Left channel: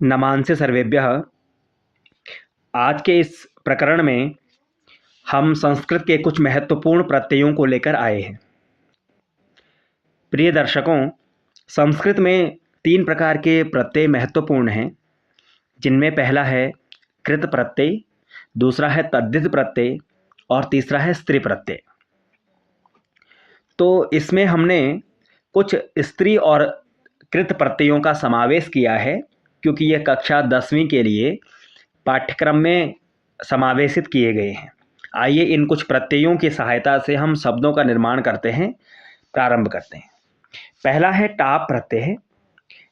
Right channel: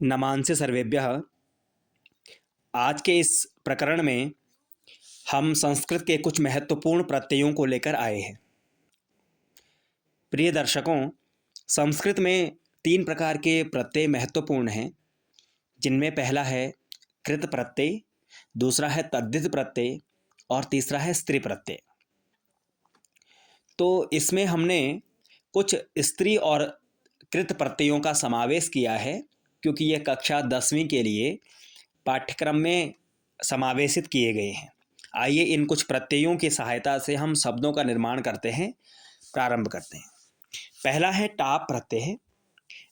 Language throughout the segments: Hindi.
नमांसि सर्वेभ्यः। आज के इस प्रकरण में हम संस्कृत के कुछ महत्वपूर्ण प्रत्ययों को लेकर आए हैं। प्रिय दर्शकों, संस्कृत में 3 प्रकार के प्रत्यय महत्वपूर्ण हैं, जिनमें पहला है कृत प्रत्यय, दूसरा है तद्धित प्रत्यय और तीसरा है स्त्री प्रत्यय। तो इसमें हमने कुछ स्त्री और कृत प्रत्ययों का समावेश किया है, क्योंकि यह कक्षा 10वीं के लिए पाठ्यक्रम में समावेशित किए गए हैं। आइए इन कुछ प्रत्ययों की सहायता से हम शब्दों का निर्माण करते हैं। प्रारंभ करते हैं। पहला है टाप प्रत्यय।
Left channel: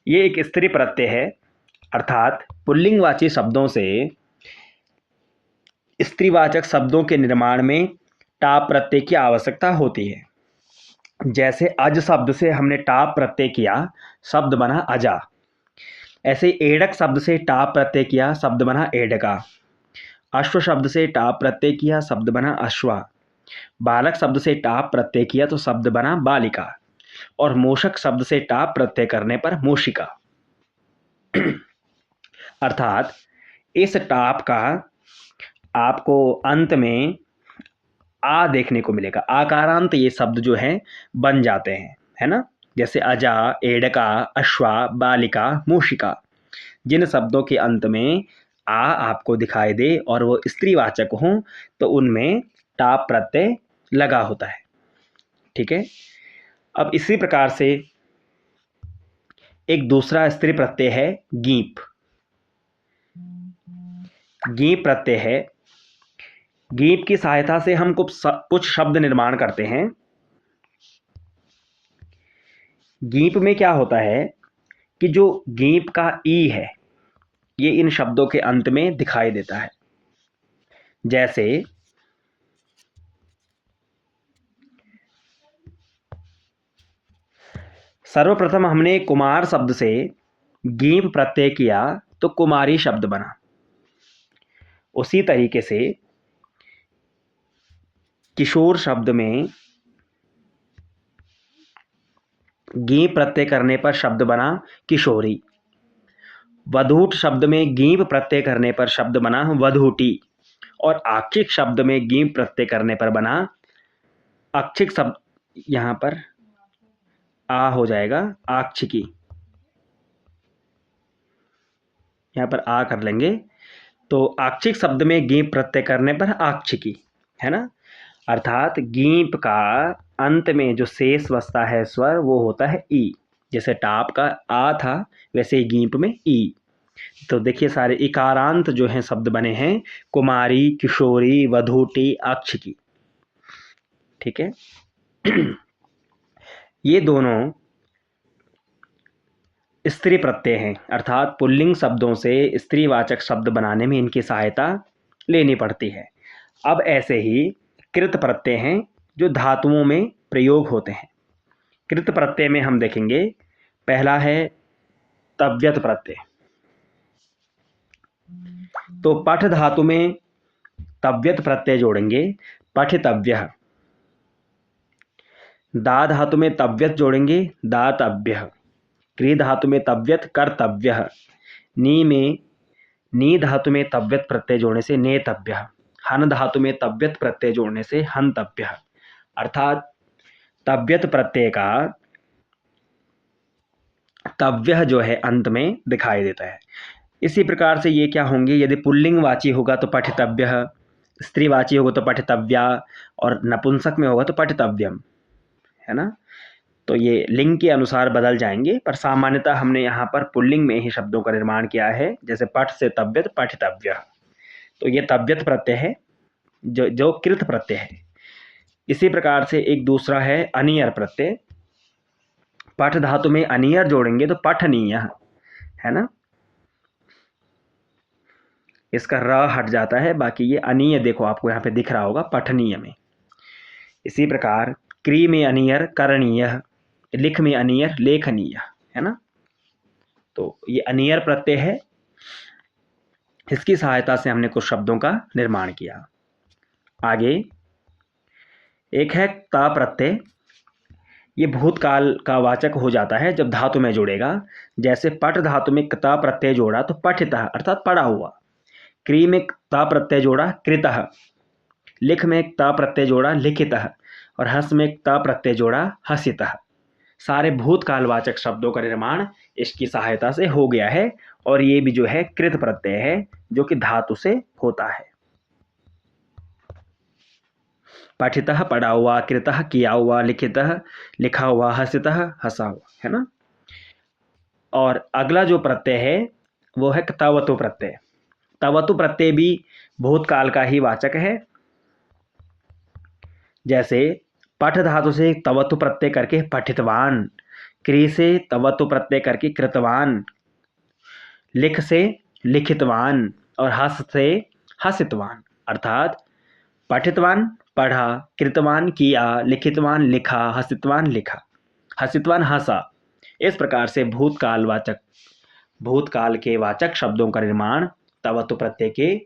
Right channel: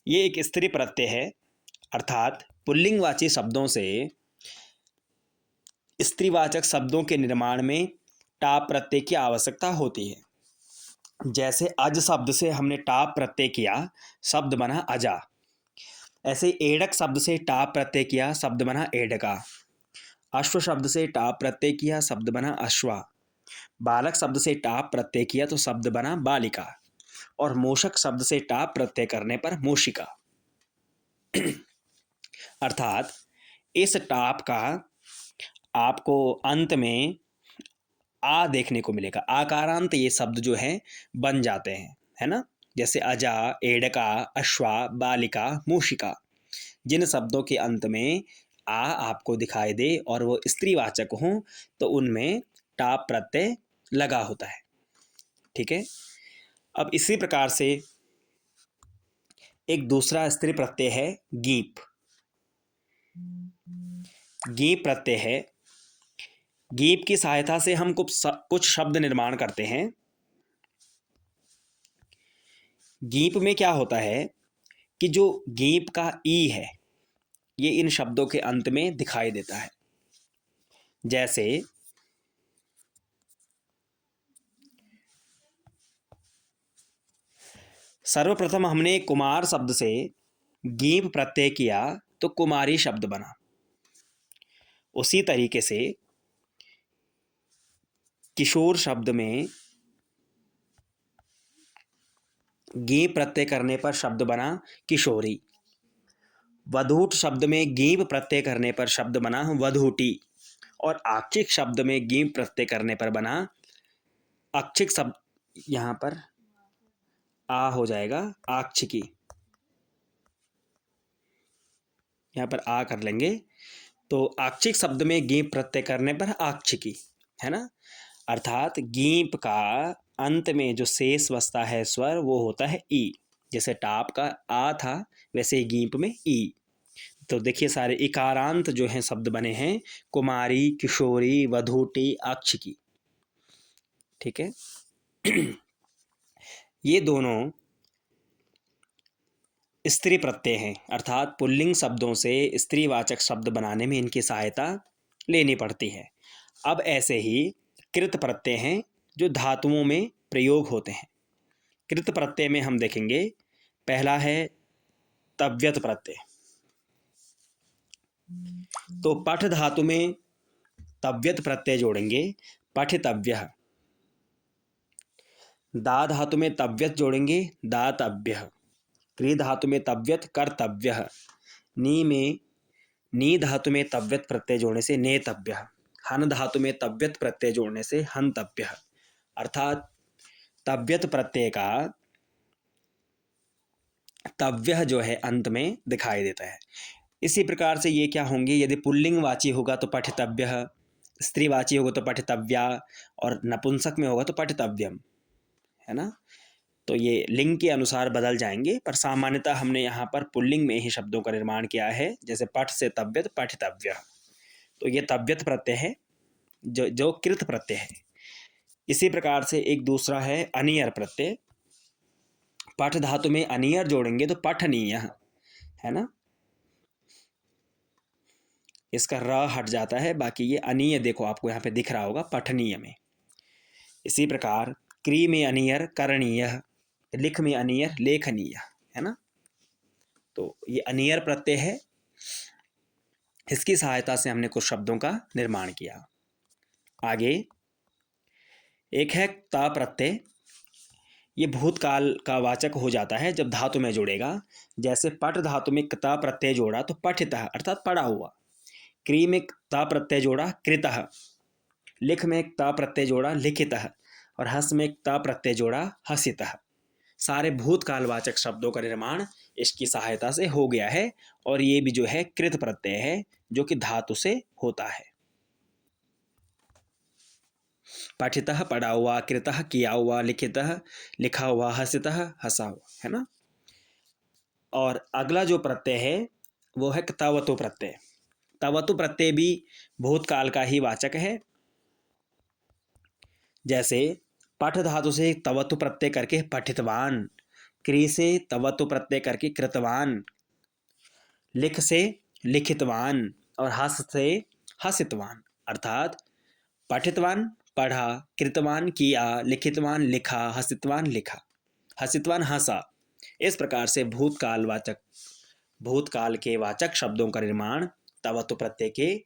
ये एक स्त्री प्रत्यय है, अर्थात पुल्लिंगवाची शब्दों से स्त्रीवाचक शब्दों के निर्माण में टाप प्रत्यय की आवश्यकता होती है। जैसे अज शब्द से हमने टाप प्रत्यय किया, शब्द बना अजा। ऐसे एडक शब्द से टाप प्रत्यय किया, शब्द बना एडका। अश्व शब्द से टाप प्रत्यय किया, शब्द बना अश्वा। बालक शब्द से टाप प्रत्यय किया तो शब्द बना बालिका। और मूषक शब्द से टाप प्रत्यय करने पर मूषिका। अर्थात इस टाप का आपको अंत में आ देखने को मिलेगा। आकारांत ये शब्द जो है बन जाते हैं, है ना। जैसे अजा, एडका, अश्वा, बालिका, मूषिका। जिन शब्दों के अंत में आ आपको दिखाई दे और वो स्त्रीवाचक हों तो उनमें टाप प्रत्यय लगा होता है। ठीक है। अब इसी प्रकार से एक दूसरा स्त्री प्रत्यय है गीप। गीप प्रत्यय है। गीप की सहायता से हम कुछ शब्द निर्माण करते हैं। गीप में क्या होता है कि जो गीप का ई है ये इन शब्दों के अंत में दिखाई देता है। जैसे सर्वप्रथम हमने कुमार शब्द से गीप प्रत्यय किया तो कुमारी शब्द बना। उसी तरीके से किशोर शब्द में गीप प्रत्यय करने पर शब्द बना किशोरी। वधूट शब्द में गीप प्रत्यय करने पर शब्द बना वधूटी। और आक्षिक शब्द में गीप प्रत्यय करने पर बना आक्षिक शब्द, यहाँ पर आ हो जाएगा आक्षिकी। यहाँ पर आ कर लेंगे तो आक्षिक शब्द में गीप प्रत्यय करने पर आक्षिकी, है ना। अर्थात गीप का अंत में जो शेष बचता है स्वर वो होता है ई। जैसे टाप का आ था वैसे गीप में ई। तो देखिए सारे इकारांत जो हैं शब्द बने हैं कुमारी, किशोरी, वधूटी, आक्षिकी। ठीक है। ये दोनों स्त्री प्रत्यय हैं, अर्थात पुल्लिंग शब्दों से स्त्रीवाचक शब्द बनाने में इनकी सहायता लेनी पड़ती है। अब ऐसे ही कृत प्रत्यय हैं जो धातुओं में प्रयोग होते हैं। कृत प्रत्यय में हम देखेंगे पहला है तव्यत प्रत्यय। तो पठ धातु में तव्यत प्रत्यय जोड़ेंगे, पठितव्यः। दा धातु में तव्यत जोड़ेंगे, दातव्यः। क्री धातु में तव्यत, कर्तव्यः। नी में नी धातु में तव्यत प्रत्यय जोड़ने से नेतव्यः। हन धातु में तव्यत प्रत्यय जोड़ने से हंतव्यः। अर्थात तव्यत प्रत्यय का तव्यः जो है अंत में दिखाई देता है। इसी प्रकार से ये क्या होंगे, यदि पुल्लिंगवाची होगा तो पठितव्यः, स्त्रीवाची होगा तो पठितव्या और नपुंसक में होगा तो पठितव्यम, है ना। तो ये लिंग के अनुसार बदल जाएंगे, पर सामान्यतः हमने यहाँ पर पुल्लिंग में ही शब्दों का निर्माण किया है। जैसे पठ से तव्यत, पठितव्यः। तो ये तव्यत प्रत्यय है जो कृत प्रत्यय है। इसी प्रकार से एक दूसरा है अनियर प्रत्यय। पठ धातु में अनियर जोड़ेंगे तो पठनीय, है ना। इसका र हट जाता है, बाकी ये अनीय देखो आपको यहाँ पे दिख रहा होगा पठनीय में। इसी प्रकार क्री में अनियर करणीय, लिख में अनियर लेखनीय, है ना। तो ये अनियर प्रत्यय है, इसकी सहायता से हमने कुछ शब्दों का निर्माण किया। आगे एक है ता प्रत्यय। ये भूतकाल का वाचक हो जाता है जब धातु में जुड़ेगा। जैसे पठ धातु में क्ता प्रत्यय जोड़ा तो पठितः अर्थात पढ़ा हुआ। क्री में क्ता प्रत्यय जोड़ा कृतः। लिख में क्ता प्रत्यय जोड़ा लिखितः। और हस में क्ता प्रत्यय जोड़ा हसितः। सारे भूतकालवाचक शब्दों का निर्माण इसकी सहायता से हो गया है। और ये भी जो है कृत प्रत्यय है जो कि धातु से होता है। पठितः पढ़ा हुआ, कृतः किया हुआ, लिखितः लिखा हुआ, हसितः हंसा हुआ, है ना। और अगला जो प्रत्यय है वो है तवतु प्रत्यय। तवतु प्रत्यय भी भूतकाल का ही वाचक है। जैसे पठ धातु से तवतु प्रत्यय करके पठितवान, क्री से तवतु प्रत्यय करके कृतवान, लिख से लिखितवान और हस से हसितवान। अर्थात पठितवान पढ़ा, कृतवान किया, लिखितवान लिखा, हसितवान लिखा, हसितवान हंसा। इस प्रकार से भूतकाल के वाचक शब्दों का निर्माण तवतु प्रत्यय के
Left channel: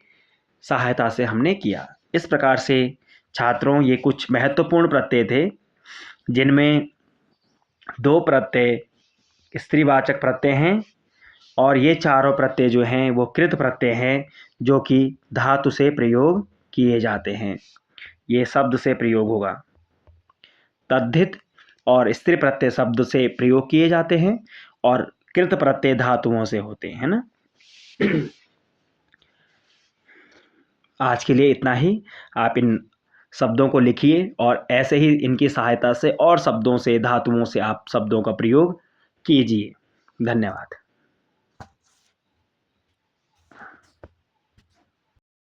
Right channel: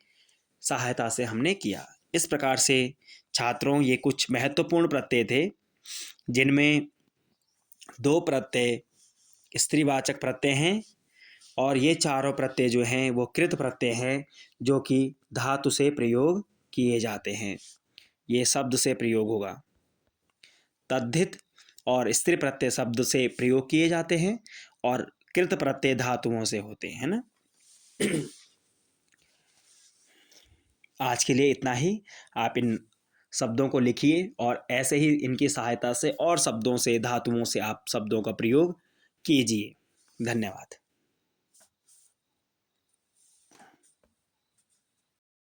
सहायता से हमने किया। इस प्रकार से छात्रों ये कुछ महत्वपूर्ण प्रत्यय थे जिनमें 2 प्रत्यय स्त्रीवाचक प्रत्यय हैं और ये चारों प्रत्यय जो हैं वो कृत प्रत्यय हैं जो कि धातु से प्रयोग किए जाते हैं। ये शब्द से प्रयोग होगा। तद्धित और स्त्री प्रत्यय शब्द से प्रयोग किए जाते हैं और कृत प्रत्यय धातुओं से होते हैं, है ना। आज के लिए इतना ही। आप इन शब्दों को लिखिए और ऐसे ही इनकी सहायता से और शब्दों से, धातुओं से आप शब्दों का प्रयोग कीजिए। धन्यवाद।